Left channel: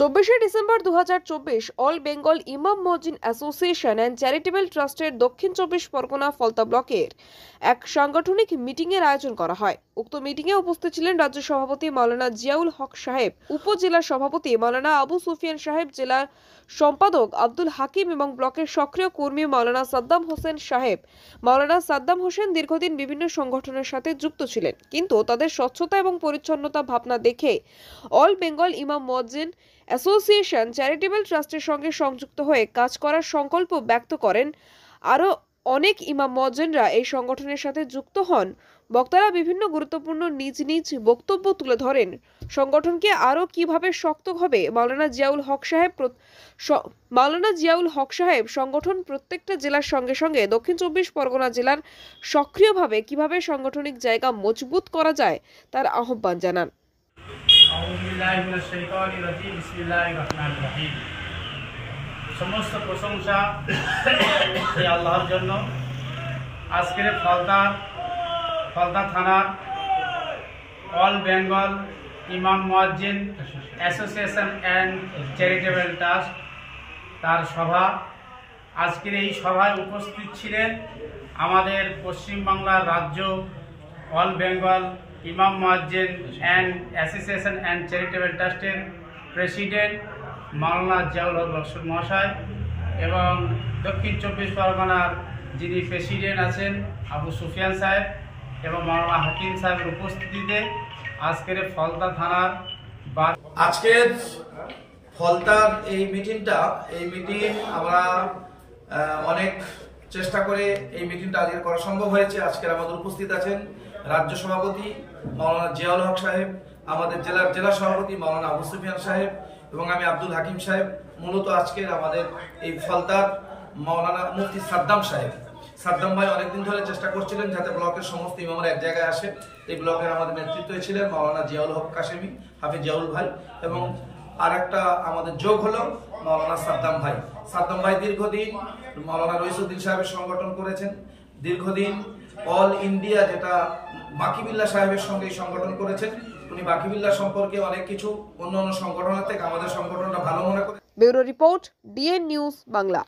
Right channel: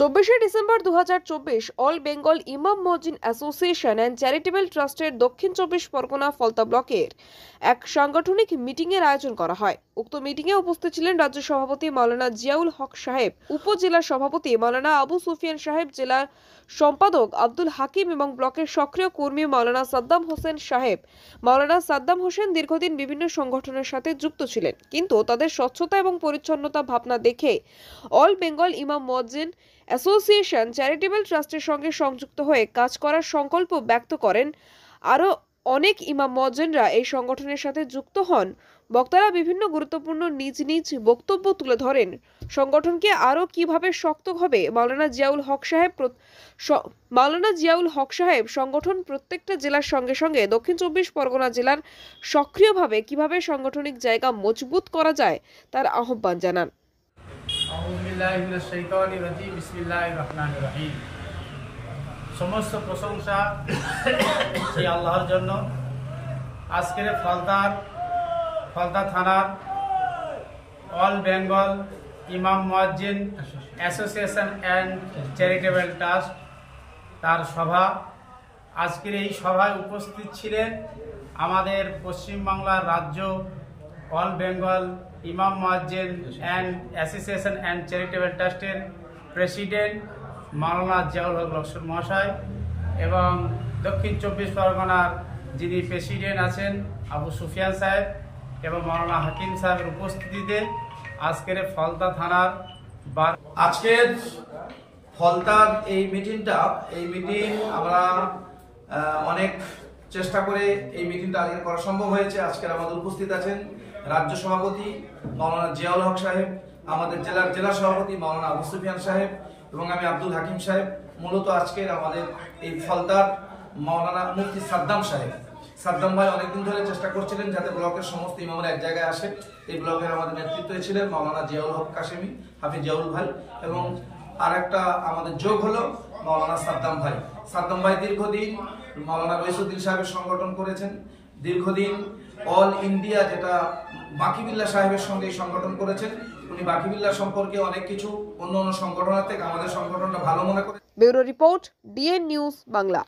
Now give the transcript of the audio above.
24 December 2024 all Bengal ইমাম মসজিদ association and charitable ট্রাস্টের দক্ষিণ 24 পরগনা ফলতা ব্লকের এক সাংগঠনিক মিটিংয়ের আয়োজন করা হয়। উক্ত মিটিংয়ে উপস্থিত ছিলেন রাজ্য সভাপতি মাওলানা জিয়াউল হক সাহেব, উপজেলা সভাপতি মাওলানা আবু সুফিয়ান সাহেব, জেলা সম্পাদক আব্দুল হাকিম এবং ব্লকের সক্রিয় কর্মী মাওলানা সাদ্দাম হোসেন সাহেব। মাওলানা সাদ্দাম হোসেন দীর্ঘদিন বিভিন্ন সংগঠনের সাথে যুক্ত ছিলেন, কিন্তু তাদের স্বচ্ছতা এবং পরিচ্ছন্নতা ভাবনা দেখে অল বেঙ্গল ইমাম মসজিদ অ্যাসোসিয়েশন চ্যারিটেবল ট্রাস্টের সঙ্গে সংযুক্ত হয়ে কাজ করার সংকল্প ব্যক্ত করেন। আরও অনেক ইমাম মসজিদরা এই সংগঠনের সাথে যুক্ত হন। বক্তারা বিভিন্ন গুরুত্বপূর্ণ নিজ নিজ বক্তব্য তুলে ধরেন। সংগঠনকে আরও কিভাবে শক্ত হবে মাওলানা জিয়াউল হক সাহেব সংগঠন প্রত্যেকটা জেলার সঙ্গে সঙ্গে দক্ষিণ 24 পরগনা জেলার সক্রিয়ভাবে কিভাবে সাংগঠনিক জায়গা মজবুত করা যায় তার আহ্বান জানান। সমস্ত প্রশংসা সেই আল্লাহর জন্য। আজকের ফলতা থানার অল বেঙ্গল ইমাম মসজিদ অ্যাসোসিয়েশন অ্যান্ড চ্যারিটেবল ট্রাস্ট তার সভা। আজকের এই সভায় উপস্থিত ছিলেন আমাদের পশ্চিমবাংলার রাজ্য অল বেঙ্গল ইমাম মসজিদ অ্যান্ড অ্যাসোসিয়েশন অ্যান্ড চ্যারিটেবল ট্রাস্টের প্রেসিডেন্ট মাওলানা জিয়াউল হক লস্কর মহাশয় এবং দক্ষিণ 24 পরগনার যিনি প্রেসিডেন্ট আছেন আবু সুফিয়ান সাহেব এবং মাওলানা হাকিম সাহেবের উপস্থিতিতে আজকের ফলতা থানার আজকের ফলতার এই মিটিং আমরা অনেক চেষ্টা করে এই মিটিংটা আজকে করা সম্ভব হয়েছে। আজকের আমাদের উপস্থিত আছেন রাজ্য সভাপতি মাওলানা জিয়াউল হক সাহেব, আমাদের জেলা সভাপতি মাওলানা আবু সুফিয়ান সাহেব এবং আমি আব্দুল হাকিম সাহেব। মূলত আজকের আমাদের এই ফলতার মাওলানা মুফতি সাদ্দাম ভাই অনেকদিন ধরে চেষ্টা করছিলেন যাতে ব্লকের সমস্ত ইমামরা এক জায়গায় আসে। এই ব্লকের আমাদের নেতৃত্বে ছিলেন মাওলানা জিয়াউল হক কাশেমি, হাফিজ জিয়াউল ভাই, এবং আরেকটা আমাদের যোগ হলো মাওলানা সাদ্দাম ভাই দীর্ঘদিন মাওলানা রইসুদ্দিন সাহেবের সংগঠন করেছেন, দীর্ঘদিন অল ইন্ডিয়া যেটা বাকিবিল্লাহ সাহেবের সঙ্গে সংগঠন করেছেন। উনি বাকিবিল্লাহ সম্পর্কে অনেক কিছু অন্য সংগঠনের থেকে আমাদের সংগঠনটা ভালো মনে করে। Bureau report, DN news Bangla.